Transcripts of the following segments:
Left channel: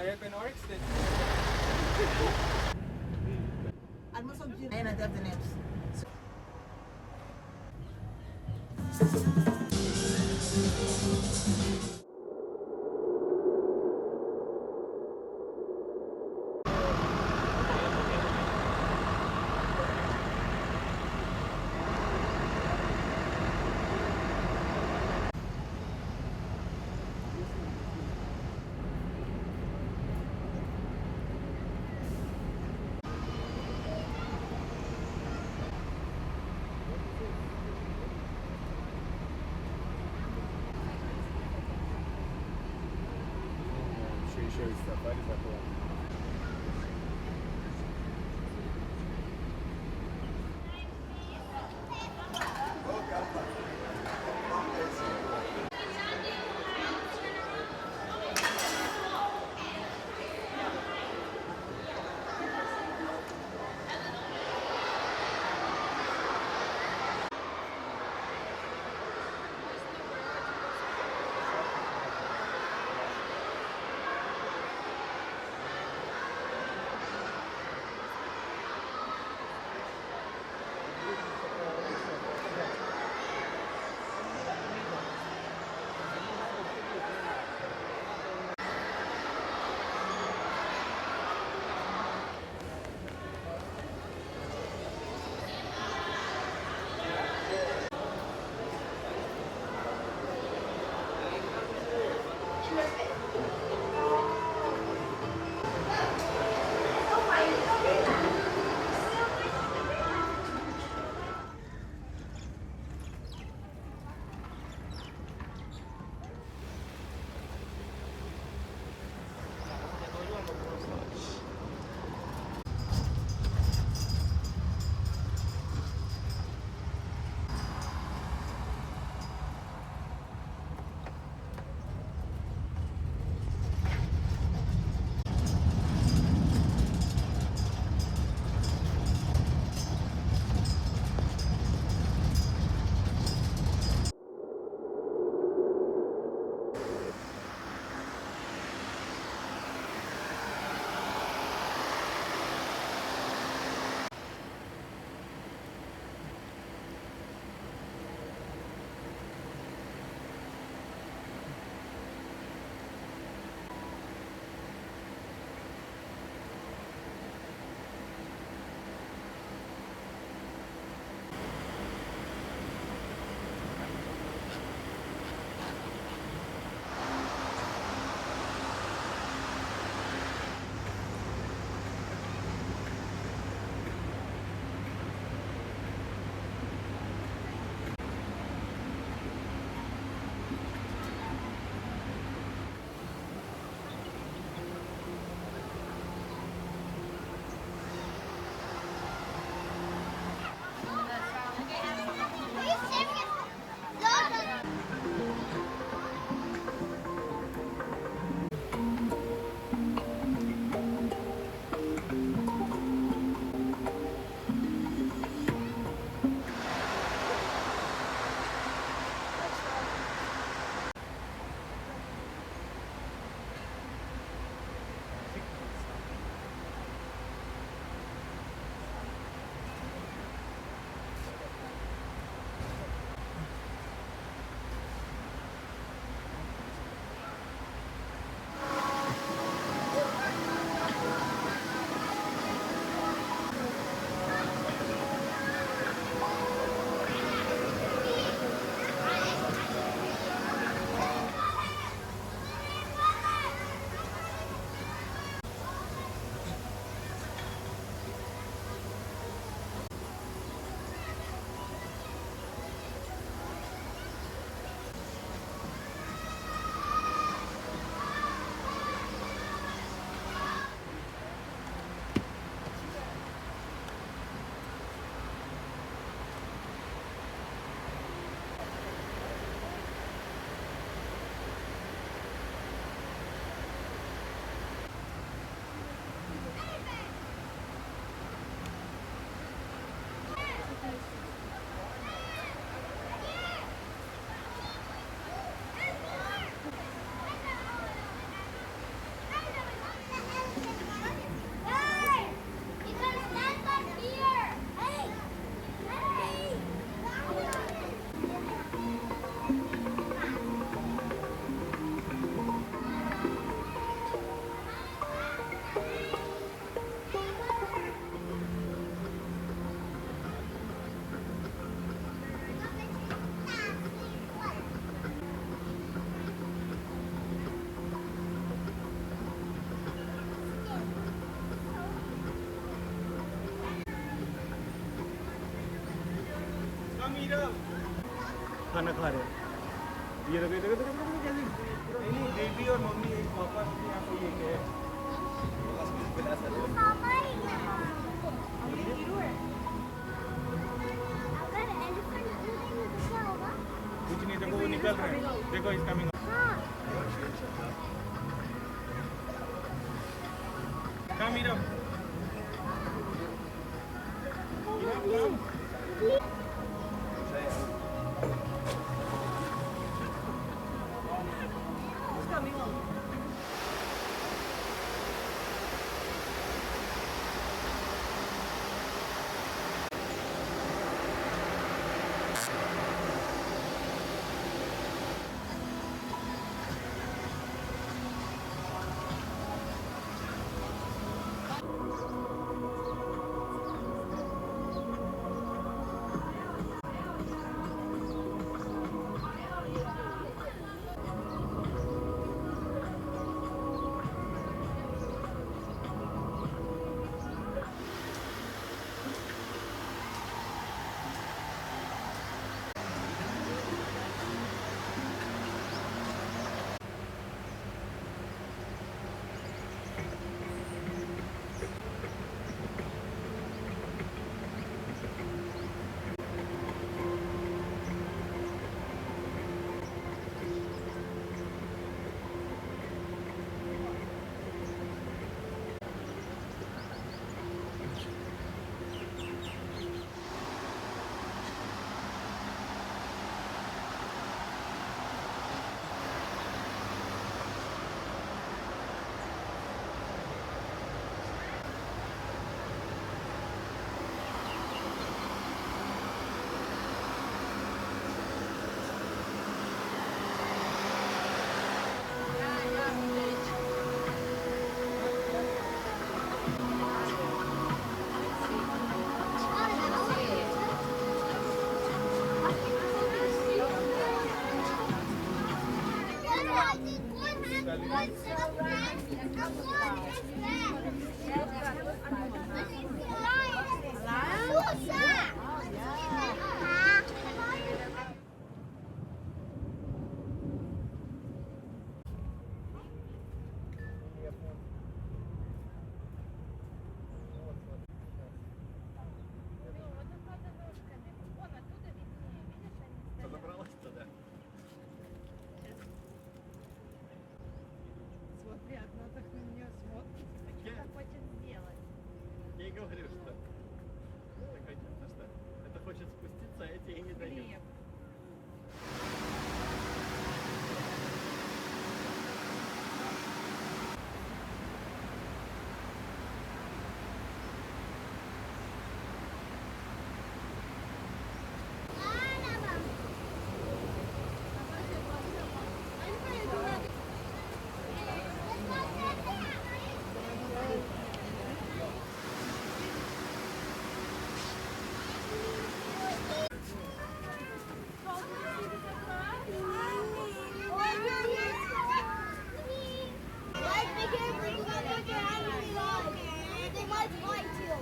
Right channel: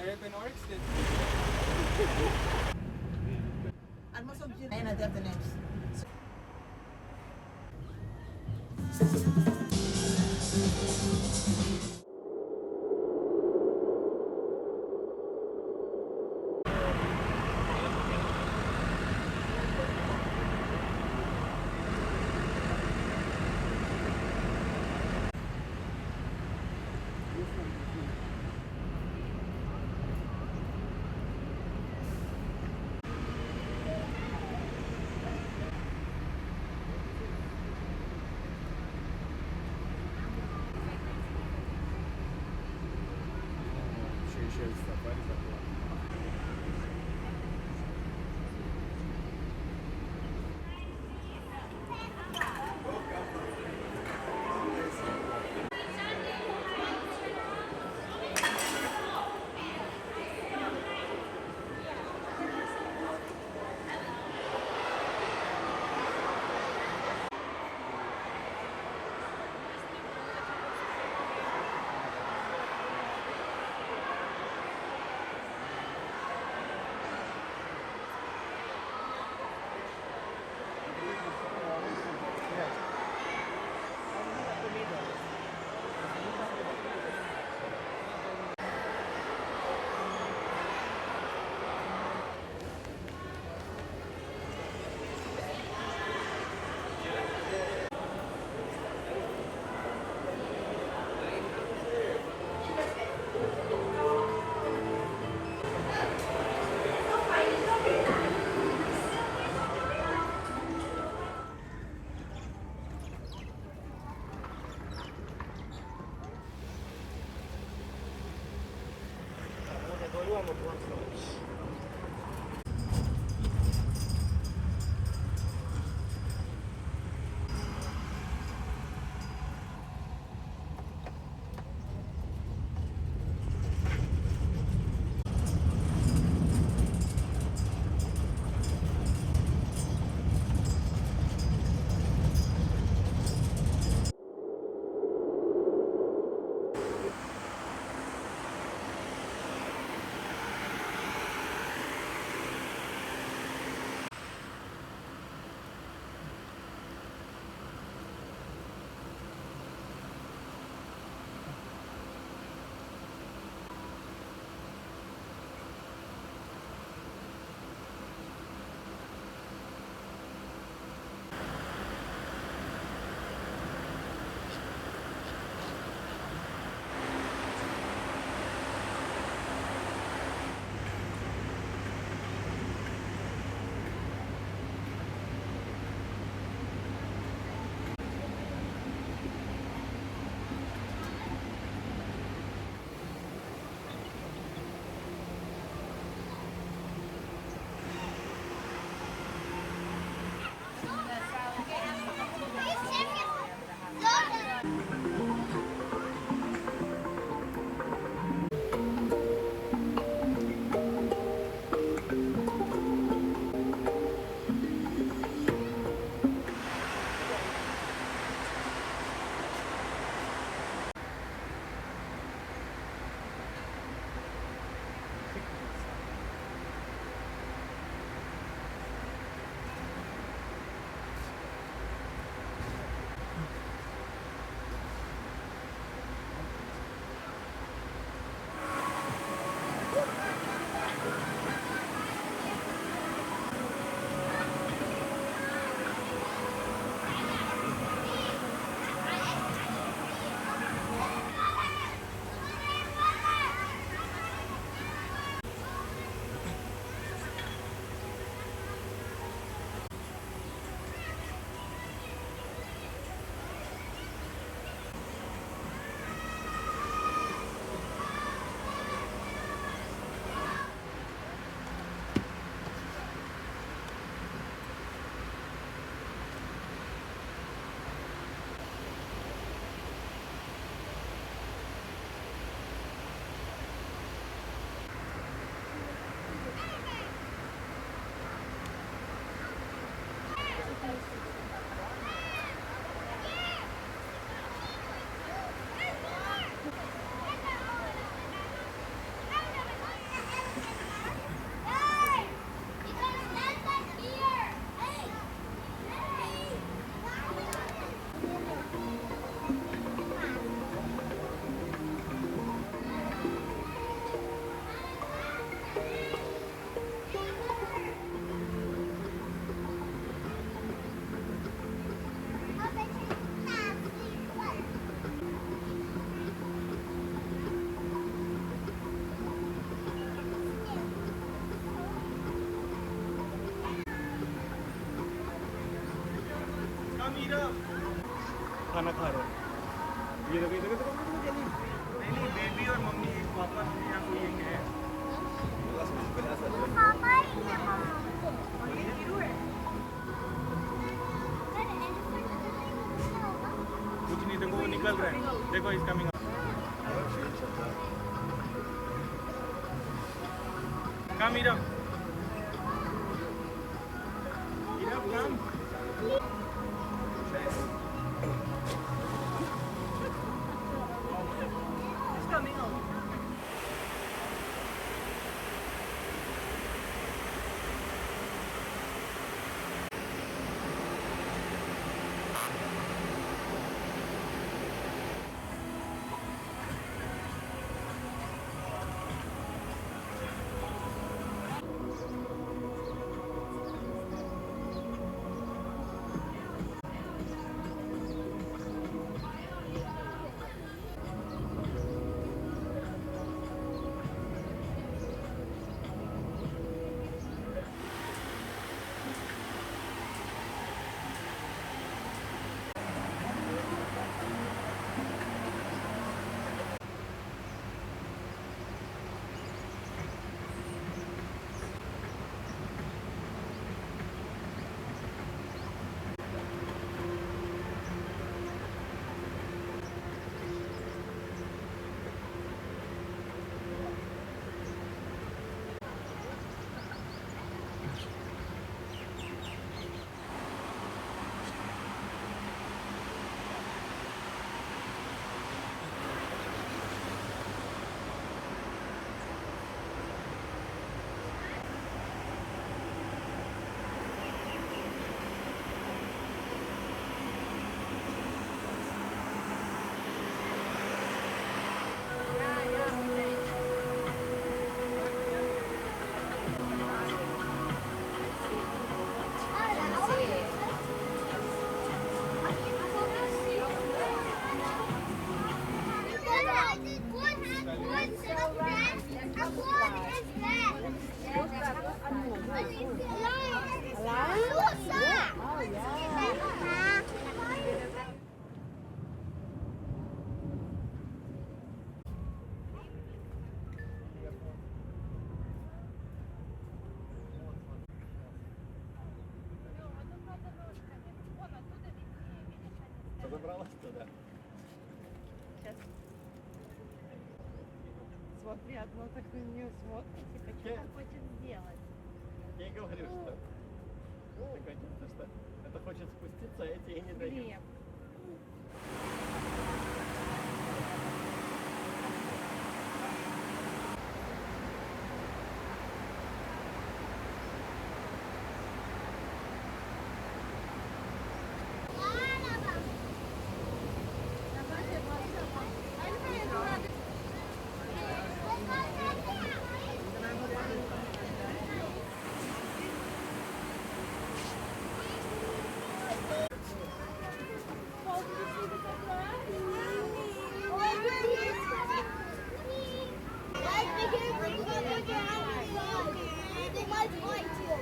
Terrapin Orcs? Ano sa gym? Ayun na, the next. Safari za kwa खाना खा रहे हैं। ये देखो नहीं बेबी और मम्मी एक पापा यहाँ पे ये है कुछ नहीं तुमको निकल रहे हैं देखो इसका Come, Mira. Mira, come. Забралась-то, да? Смотри, одно такое не смотрит. Я, Хочет сделать. я и говорю, что это, конечно, что это хочет спуститься, а я тебе не даю. Глеб. They might fight you.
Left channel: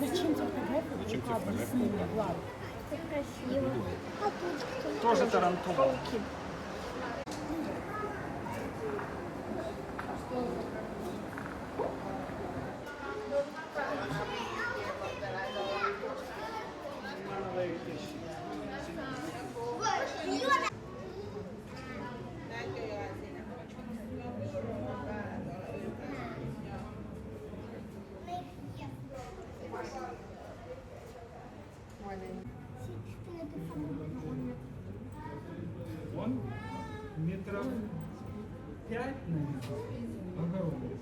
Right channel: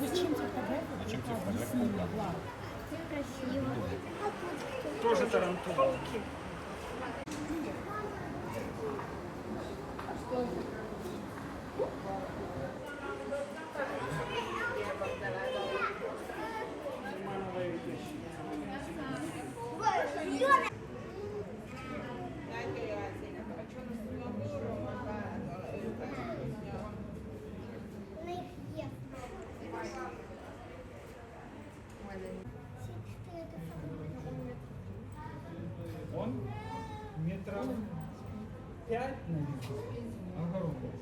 Зачем тебе фотография? Объясни мне, Влад. Это красиво. Тоже тарантула. Он метров 5, наверное, огромный.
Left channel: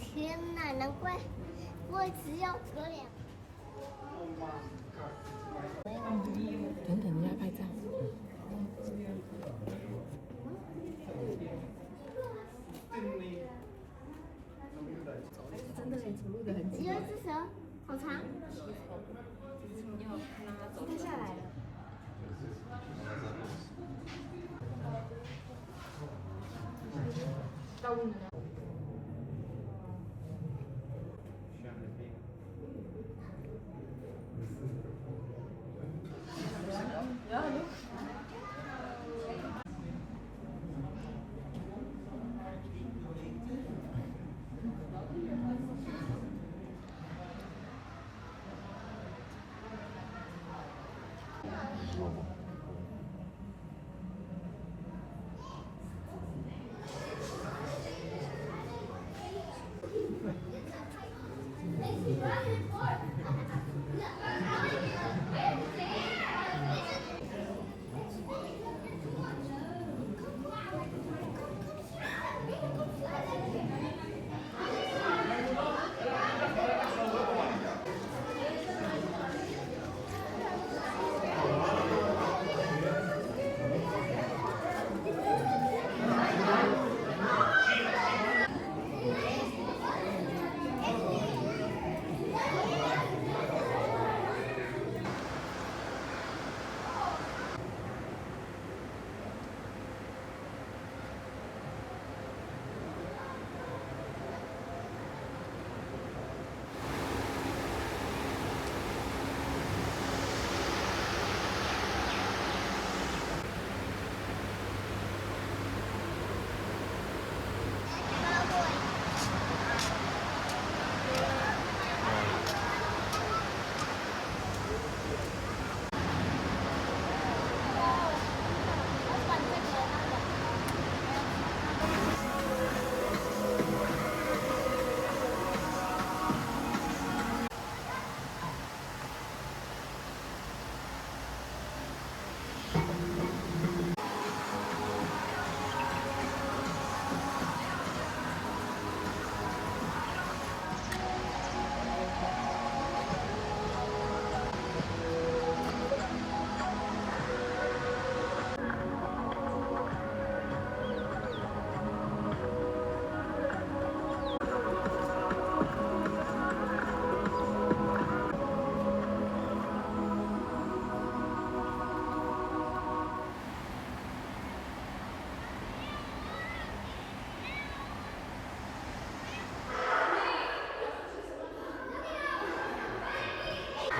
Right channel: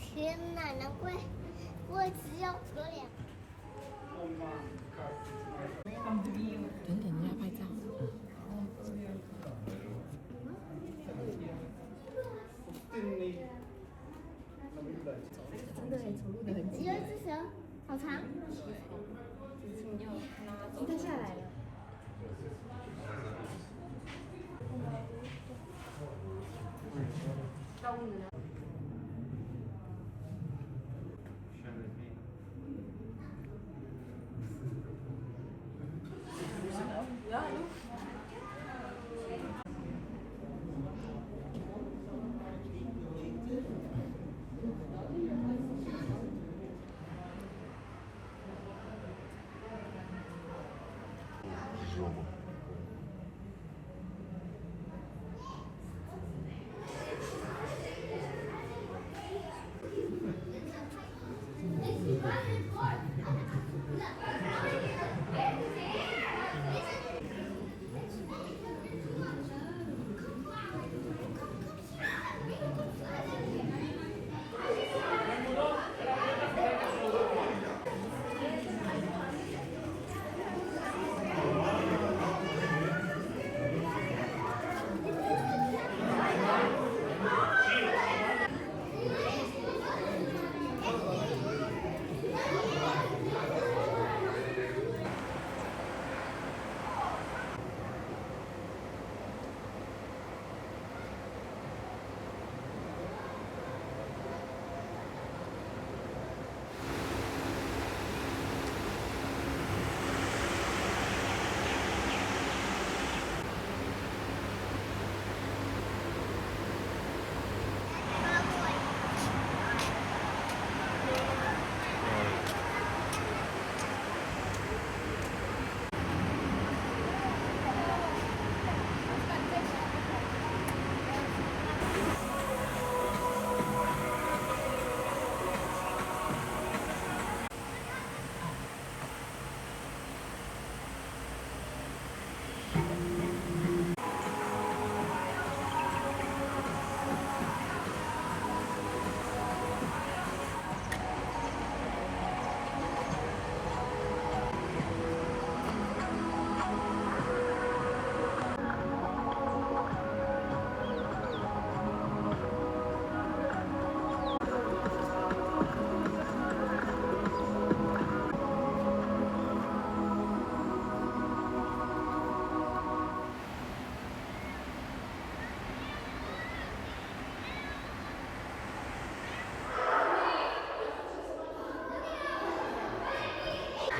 天哪，难怪我只有隔两。等等，人家拍照。真的很走路的很只有一只蛇，好长。今天下来了。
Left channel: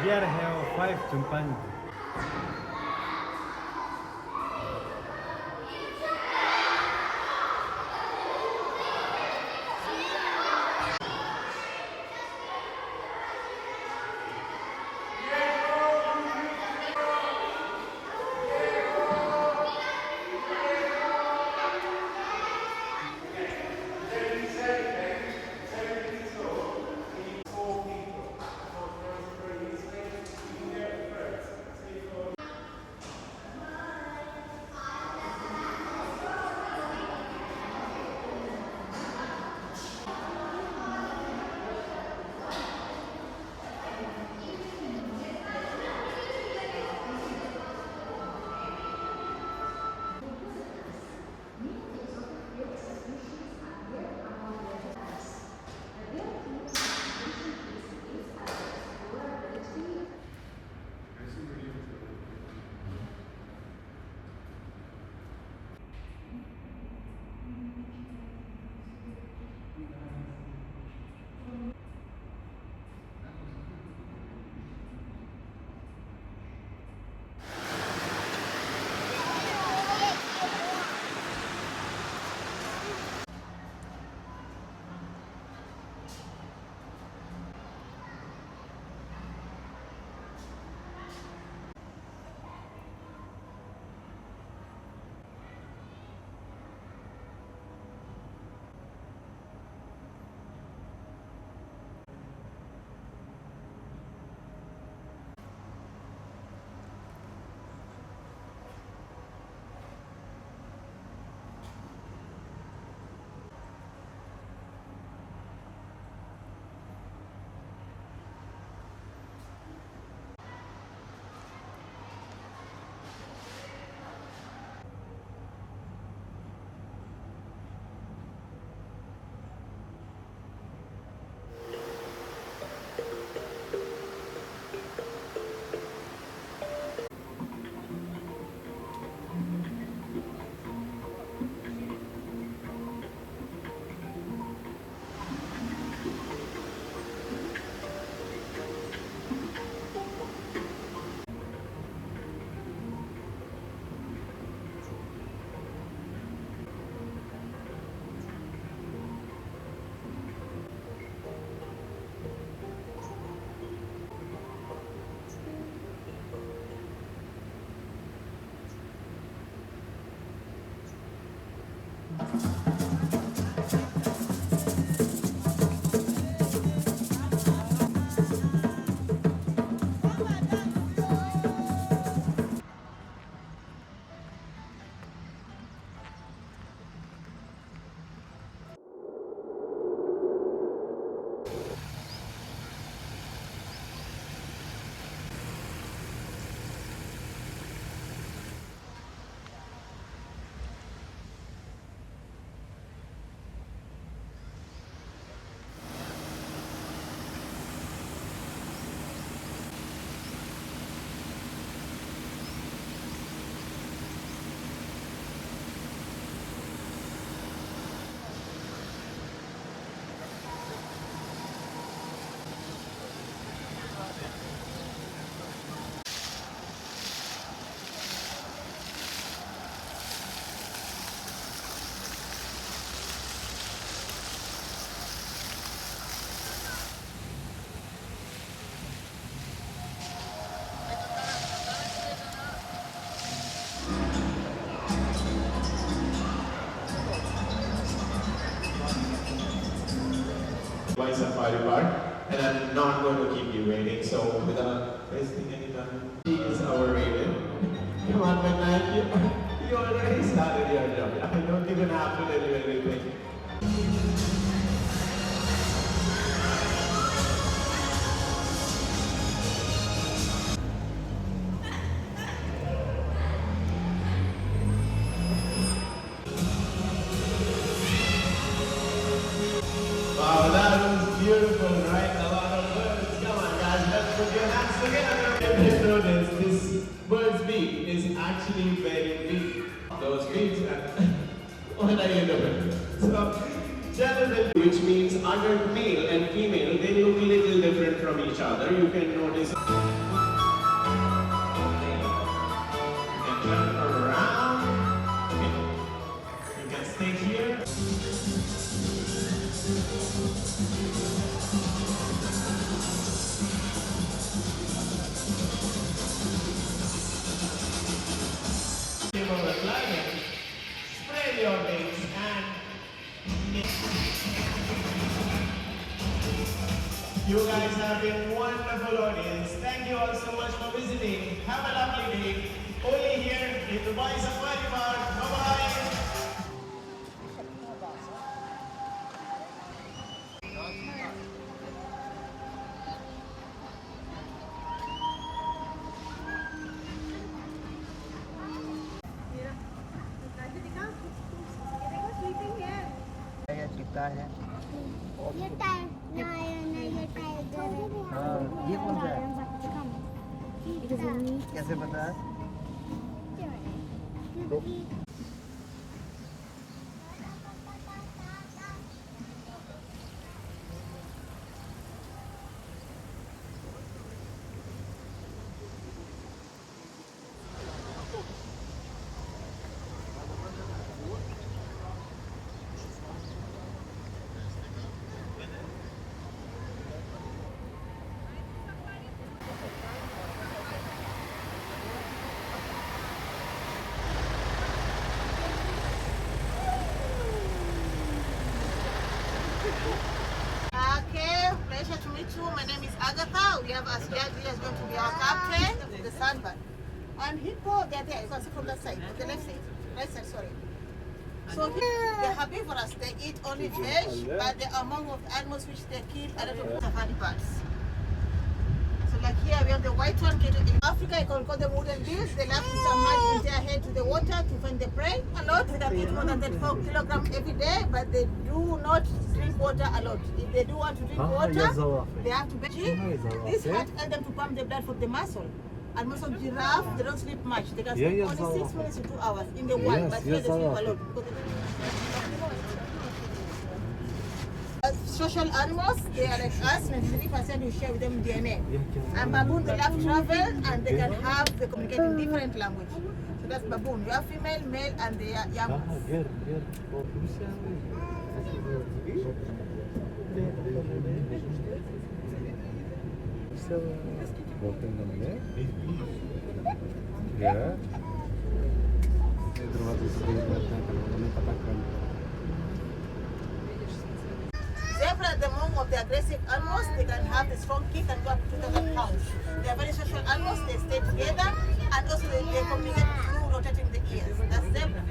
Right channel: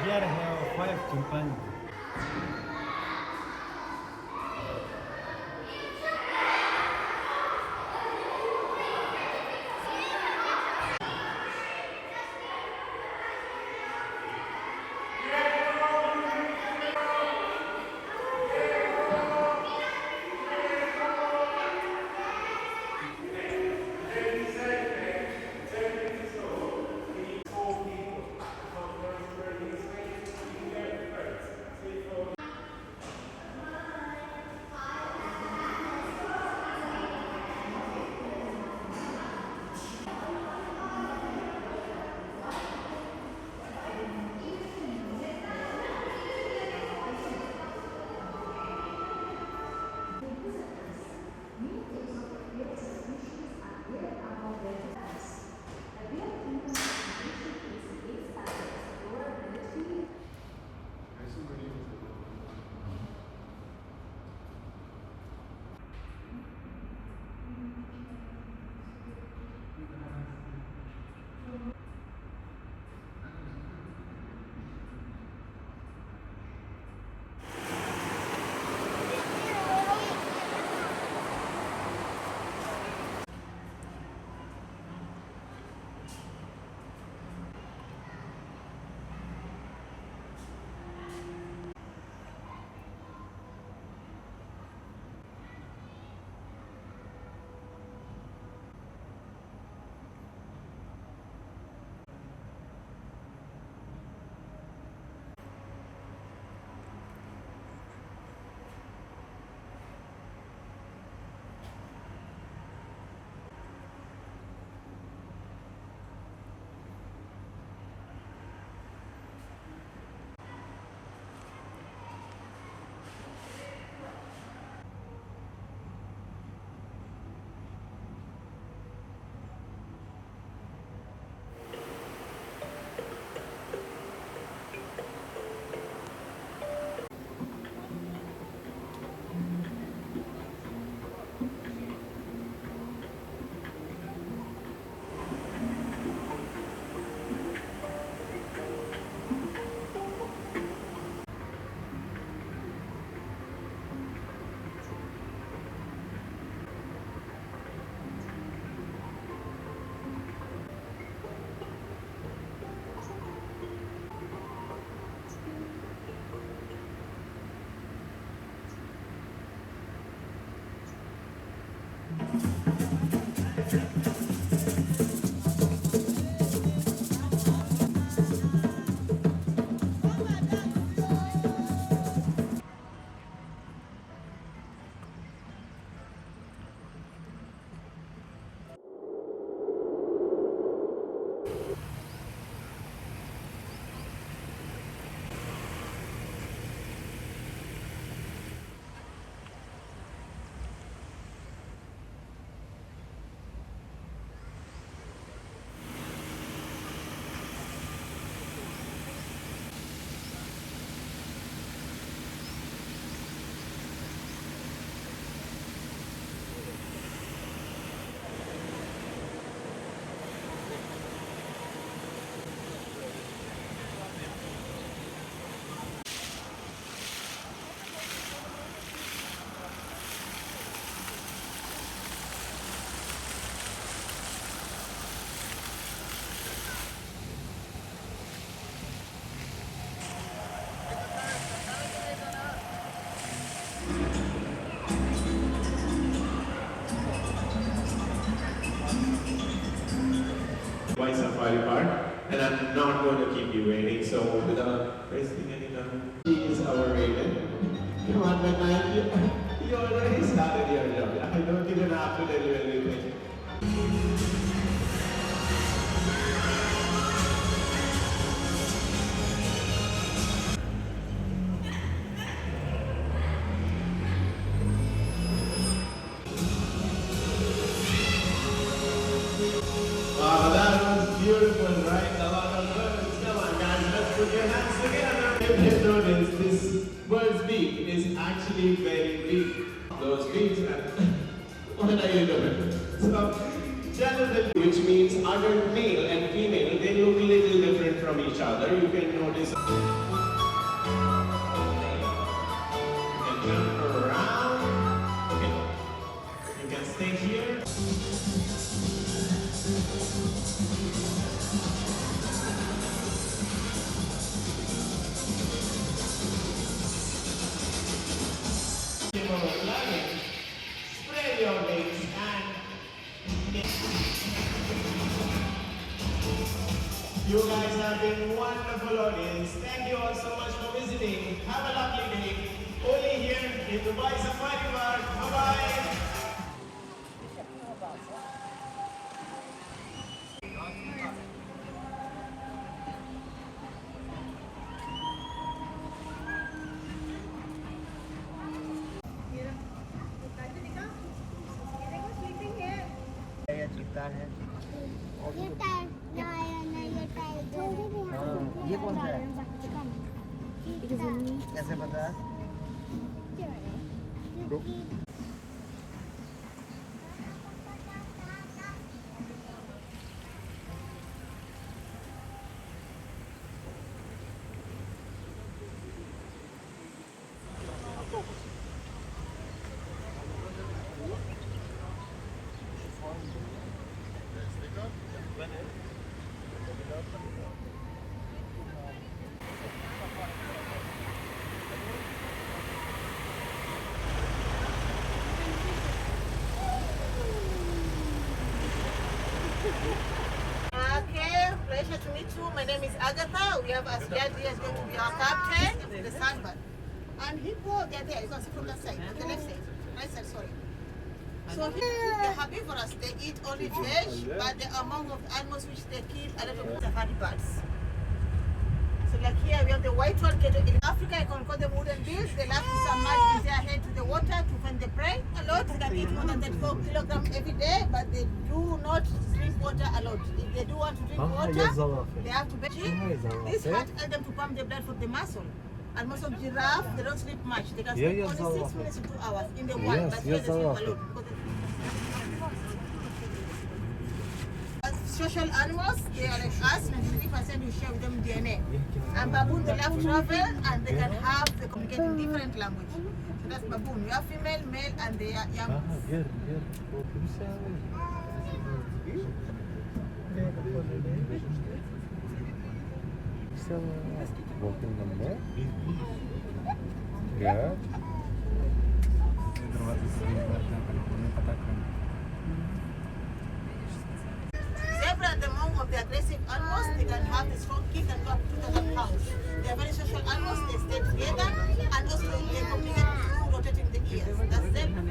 Here I have 5 chimpanzees. Dubai Safari Park, and I'm not going to keep you waiting. So without wasting any time, she is our Raven. Come on, man, you already started your job. I don't even have to tell you anything. Wow, that was beautiful, right? A lot of birds. Come on, guys, let's put your hands together. If you notice, this bird's beak is actually very big. Those beaks and what are you doing? So, genital, which means adult male and female, they look a little different from each other. You can notice. You can turn around. Okay. You can stay here. Spray your wings and you guys have been wonderful audience. Thank you all so much for visiting. Have a lovely day. Only here in Dubai Safari Park. Bye-bye. ये time ये time ये कौन सा है? कैसे पता है? Okay, pleasure to meet you. My name is Agatha. We have Asliadi is going to be our captain, the sunbird. And Hippo, they're there. You can see from that side, the left side. Right side, sorry. So here, they're herbivorous. They eat only fish, but they're among of the animals which they kill a lot of safari birds. So like here, we have the white one. In Africa, you can call them wooden bills. They love to submerge their head to the water to find the prey. A lot, they can eat more than 34 kilograms every day, but they do not drink water a lot. If they do want to drink water, they have to bathe. This heart helps them to pump the blood from the muscle. And most of giraffe, they don't sleep much. They can sleep only 6 minutes to 2 hours in the wild, but here they sleep a lot. Social animals, they are like us, 93% you share with them DNA. And baboon, they love travel and they they communicate in different language. So that's baboon. You have female, male, and they are young. Zebra are among of the aggressive animals. They can have a strong kick and go up to 2,000 pounds. They are very social animals. They stay together and also they communicate through rotating the ears. That's zebra.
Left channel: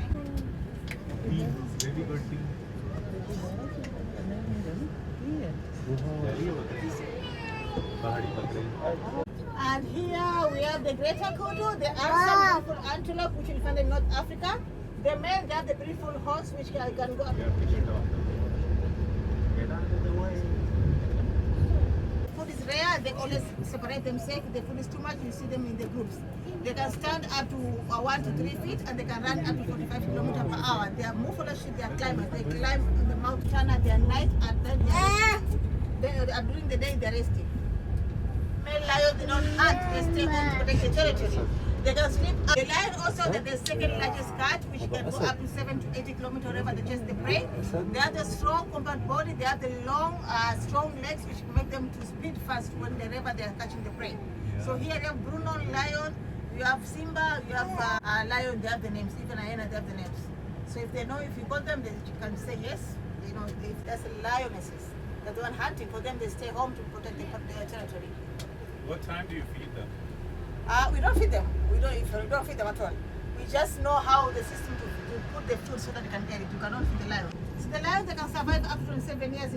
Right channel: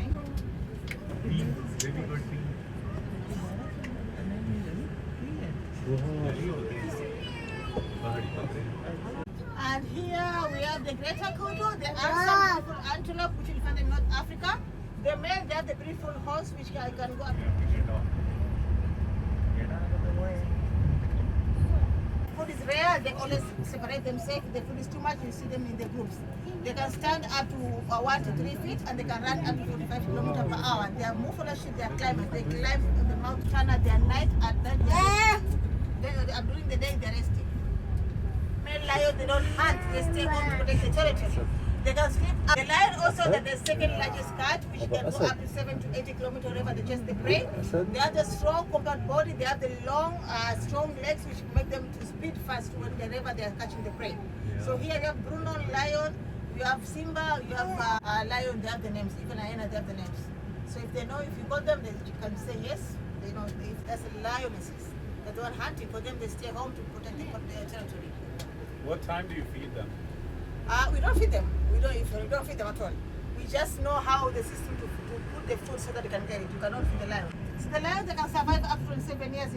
And here we have the greater kodo. There are some beautiful antelope which you find in North Africa. The male, they have the beautiful horse which can go up. Food is rare, they always separate themselves. If the food is too much, you see them in the groups. They can stand up to 1 to 3 feet and they can run up to 45 kilometers per hour. They are more followership, they are climbers. They climb on the Mount Tana, they are night and then during the day they are resting. Male lions, they don't hunt, they stay home to protect the territory. They can sleep. The lion also, they're the second largest cat, which can go up to 7 to 80 kilometers wherever they chase the prey. They have the strong compact body, they have the long, strong legs, which make them to speed fast whenever they are catching the prey. So here you have Bruno lion, you have Simba, you have lion, they have the names. Even hyena, they have the names. So if they know, if you call them, they can say yes. They know if that's a lionesses. They're the one hunting. For them, they stay home to protect their territory. What time do you feed them? We don't feed them. We don't feed them at all. We just know how the system to put the food so that they can get it. You cannot feed the lion. So the lion, they can survive up to 27 years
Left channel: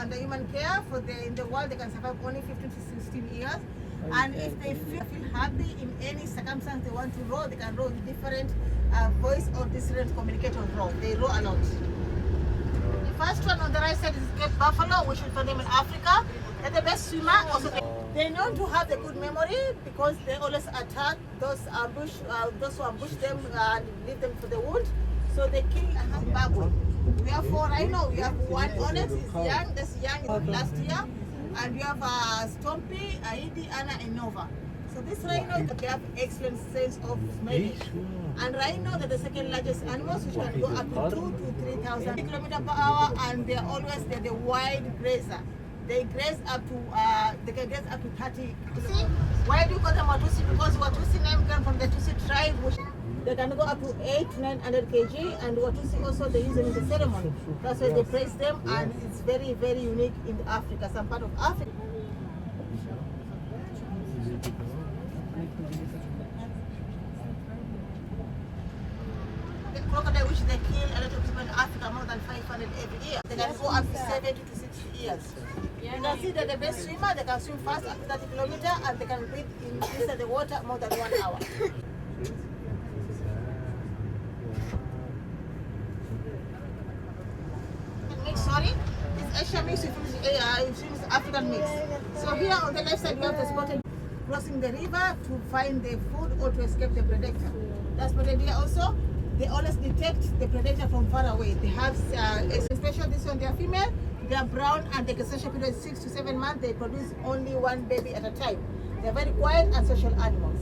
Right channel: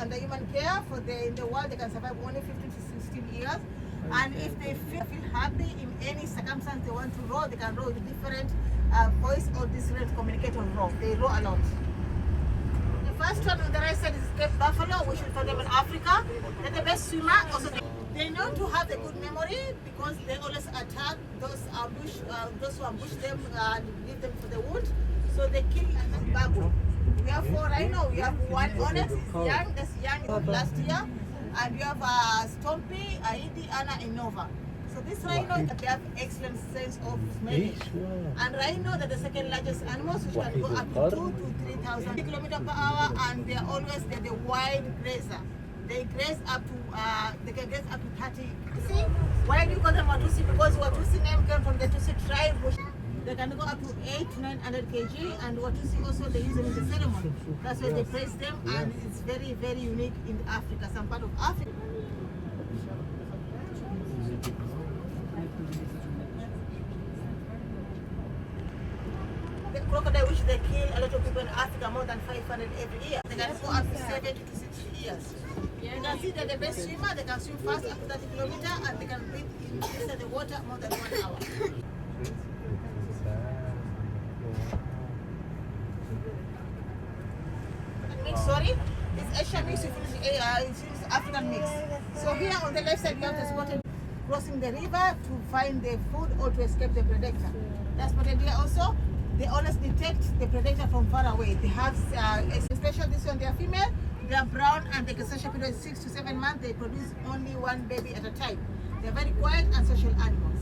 under human care. In the wild, they can survive only 15 to 16 years. And if they feel happy in any circumstance they want to roar, they can roar with different voice or different communicator roar. They roar a lot. The first one on the right side is Cape Buffalo, which we find them in Africa. They're the best swimmer. Also, they know to have a good memory because they always attack those who ambush them and leave them for the wood. So they kill baboon. We have 4 rhino. We have one onyx is young. That's young last year. And you have Stompy, Aidi, Anna, and Nova. So this rhino, they have excellent sense of smelling. And rhino, they're the second largest animals, which can go up to 2,000 to 3,000 kilometers per hour, and they're the wild grazer. They graze up to, they can graze up to 30. See, why do you call them Watusi? Because Watusi name came from the Tusi tribe, which they can go up to 800 to 900 kg, and Watusi also they use them in the ceremony. That's why they praise them, and it's very, very unique in Africa, some part of Africa. The crocodile, which they kill a lot of people in Africa, more than 500 every year. They can go up to 70 to 60 years. You can see that the best swimmer, they can swim fast up to 30 kilometers, and they can breathe inside the water more than 1 hour. Sorry, it's Asian mix with African mix. So here on the left side, we have the spotted crossing the river to find the food or to escape the predator. That's spotted deer also. They always detect the predator from far away. They have especially this one, they are female. They are brown and the gestation period is 6 to 7 months. They produce only 1 baby at a time. They are very quiet and social animals.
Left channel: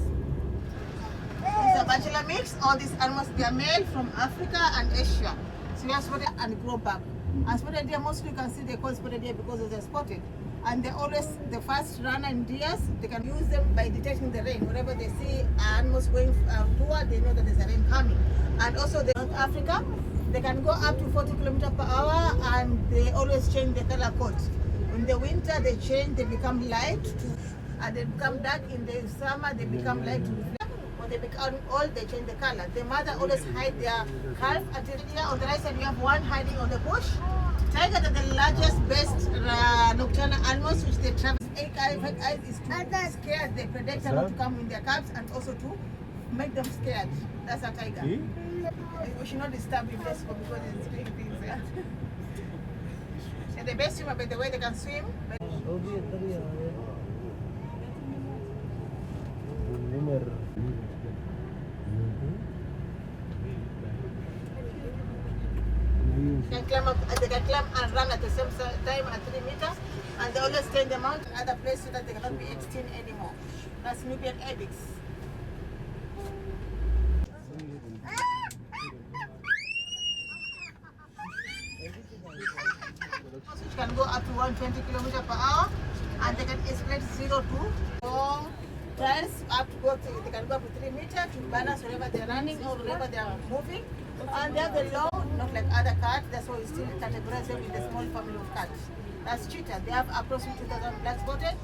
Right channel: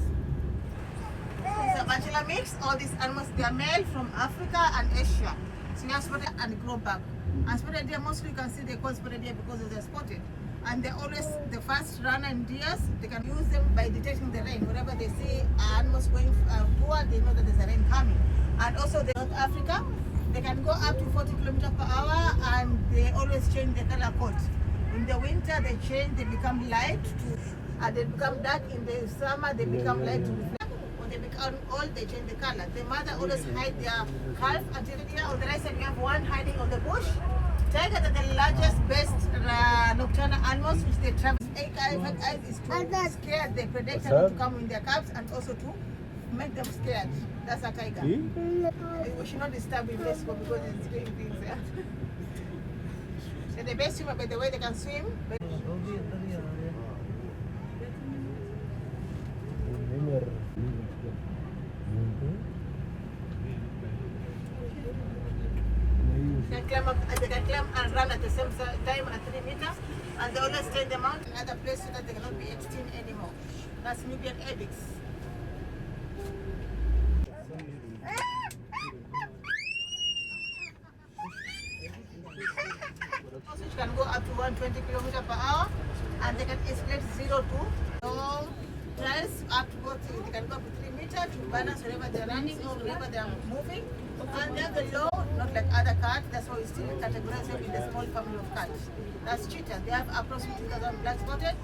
It's a bachelor mix. All these animals, they are male from Africa and Asia. So we have spotted and grow back. And spotted deer, mostly you can see they call spotted deer because they're spotted. And they're always the fast runner in deers. They can use them by detecting the rain. Whenever they see animals going toward, they know that there's a rain coming. And also in North Africa, they can go up to 40 kilometers per hour, and they always change the color coat. In the winter, they change, they become light, and they become dark. In the summer, they become light to reflect. When they become old, they change the color. The mother always hide their calf until the year. On the right side, we have one hiding on the bush. Tigers are the largest, best nocturnal animals which they travel. Eyes is to scare the predator not to come in their calves, and also to make them scared. That's a tiger. We should not disturb him because he's doing things. Yeah? And the best swimmer, by the way, they can swim. They can climb and run at the same time at 3 meters, and they always stay in the mountain other place so that they cannot be extinct anymore. That's Nubian ibex. Which can go up to 120 kilometers per hour, and they can escalate 0 to long trials up to they can go up to 3 meters to balance wherever they're running or wherever they're moving. And they're very low, not like other cats. That's why we still categorize them in the small family of cats. That's cheetah. They have approximately 2,000 black spotted.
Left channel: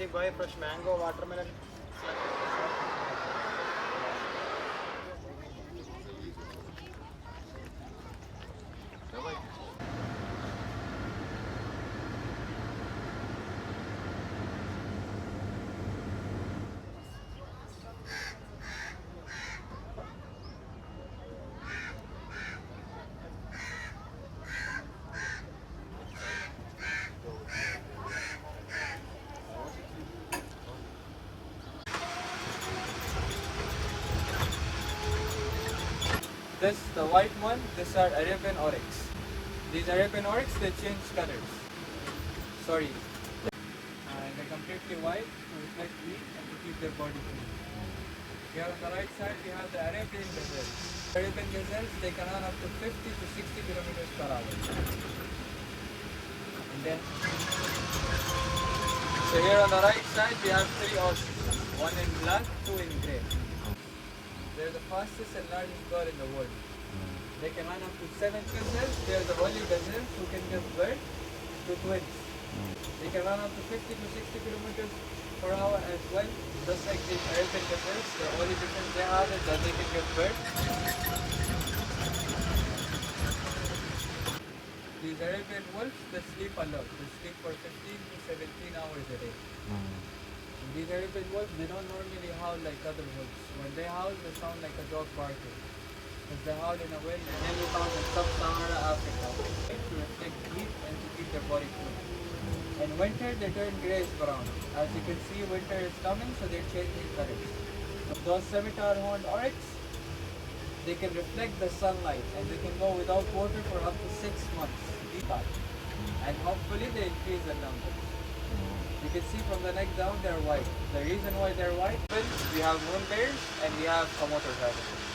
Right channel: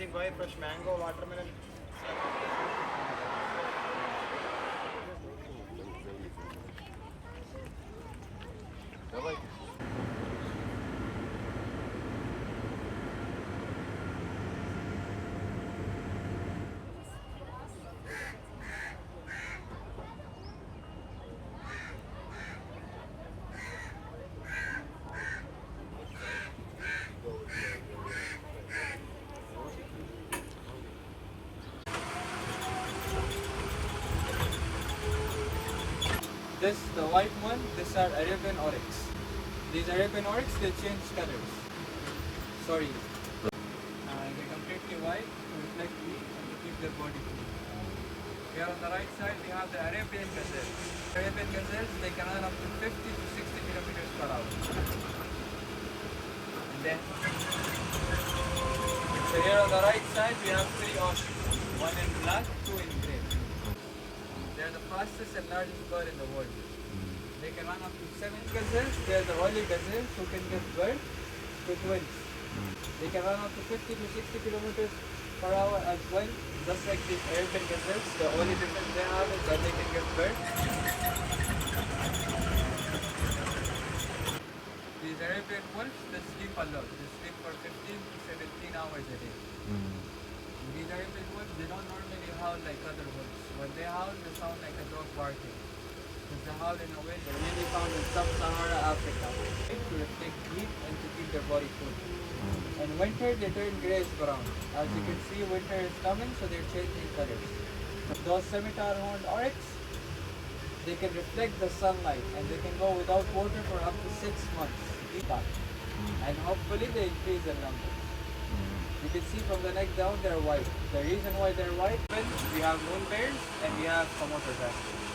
anything boy? Fresh mango, watermelon. This, the white one, these are Arabian oryx. These Arabian oryx, they change colors. Sorry. They're completely white to reflect heat and to keep their body cool. Here on the right side, we have the Arabian gazelle. Arabian gazelles, they can run up to 50 to 60 kilometers per hour. And then, so here on the right side, we have 3 ostriches. One in black, 2 in grey. They're the fastest and largest bird in the world. They can run up to 7 gazelles. They're the only gazelles who can give birth to twins. They can run up to 50 to 60 kilometers per hour as well. Just like the Arabian gazelles, the only difference they have is that they can give birth. These Arabian wolves, they sleep a lot. They sleep for 15 to 17 hours a day. These Arabian wolves, they don't normally howl like other wolves. When they howl, they sound like a dog barking. Because they howl in a way that mainly found in sub-Saharan Africa to reflect heat and to keep their body cool. In winter, they turn grayish brown. As you can see, winter is coming, so they're changing colors. Those scimitar horned oryx, they can reflect the sunlight and they can go without water for up to 6 months. And hopefully they increase their numbers. You can see from the neck down, they're white. The reason why they're white is we have moon bears and we have Komodo dragons.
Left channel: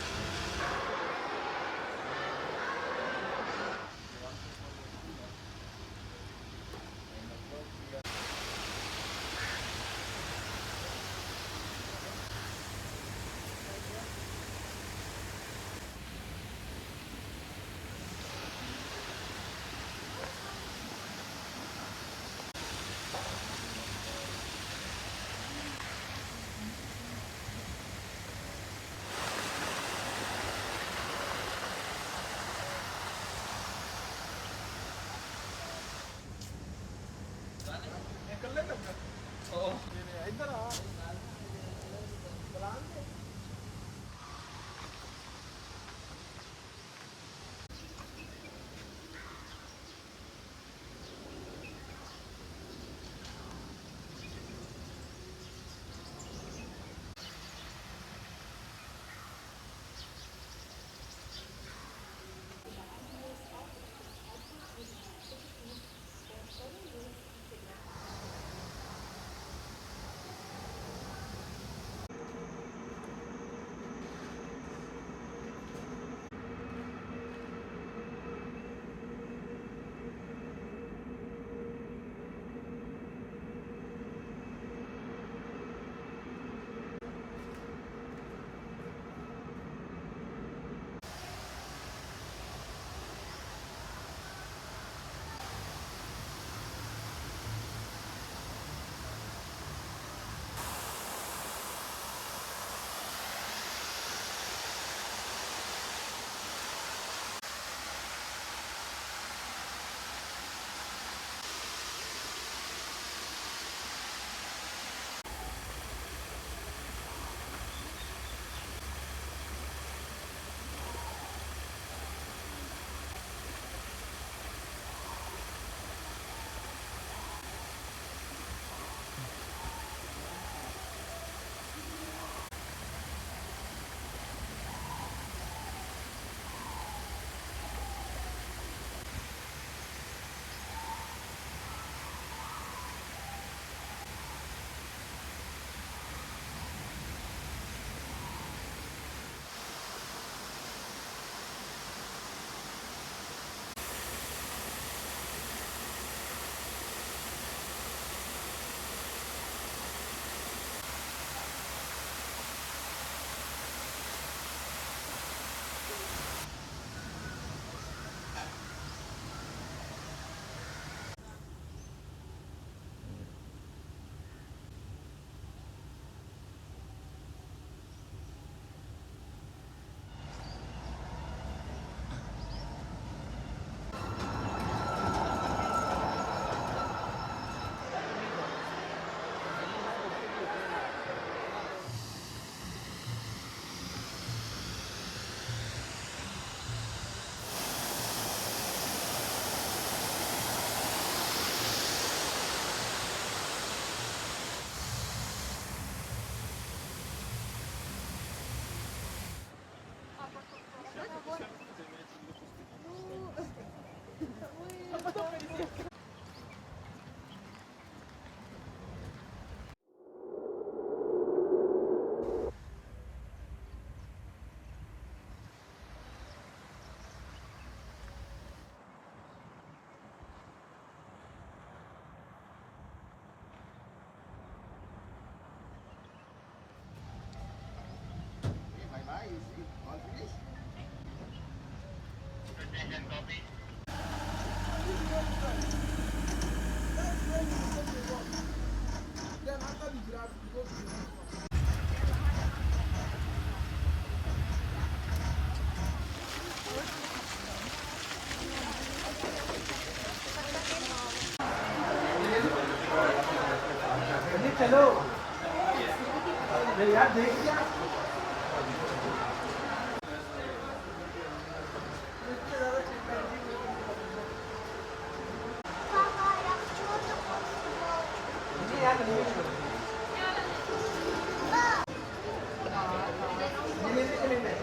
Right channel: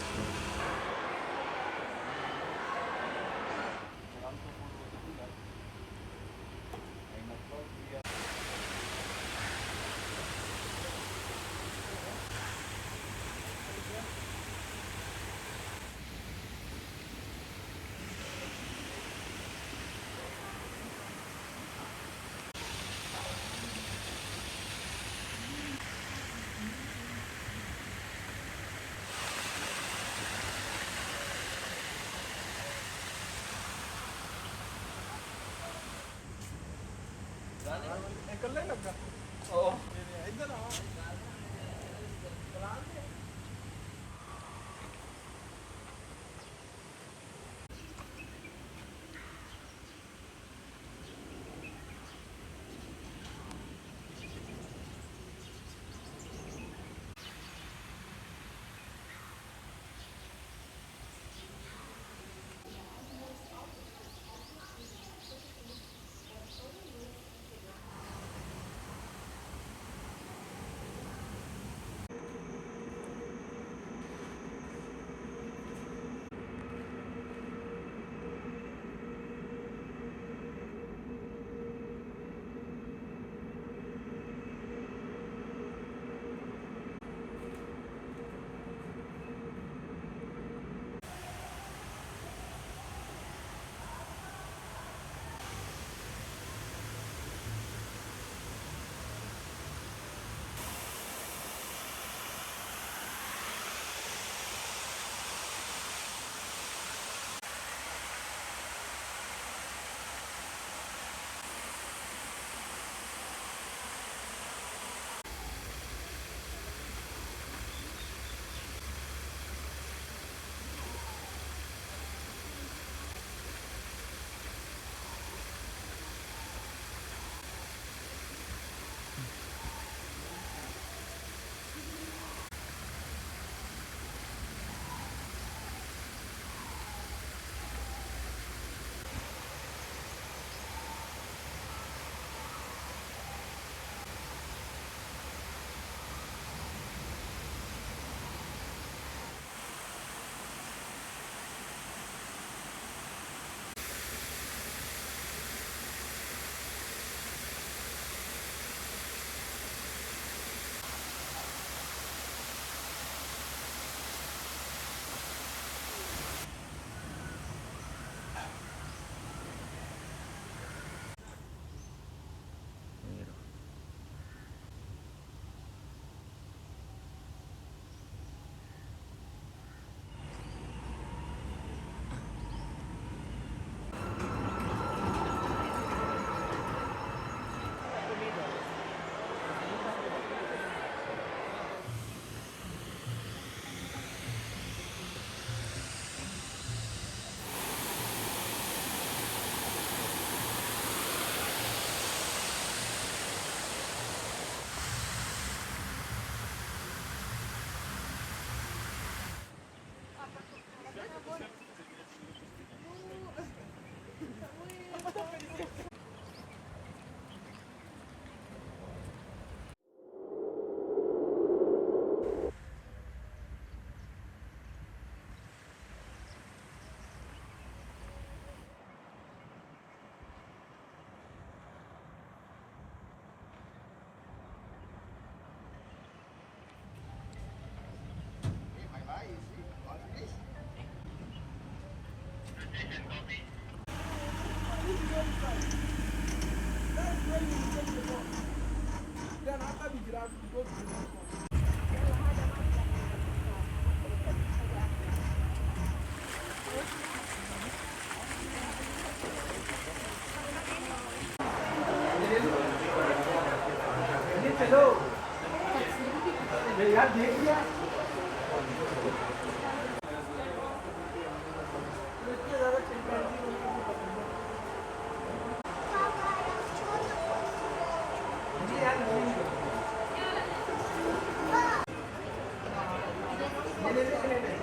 Mama,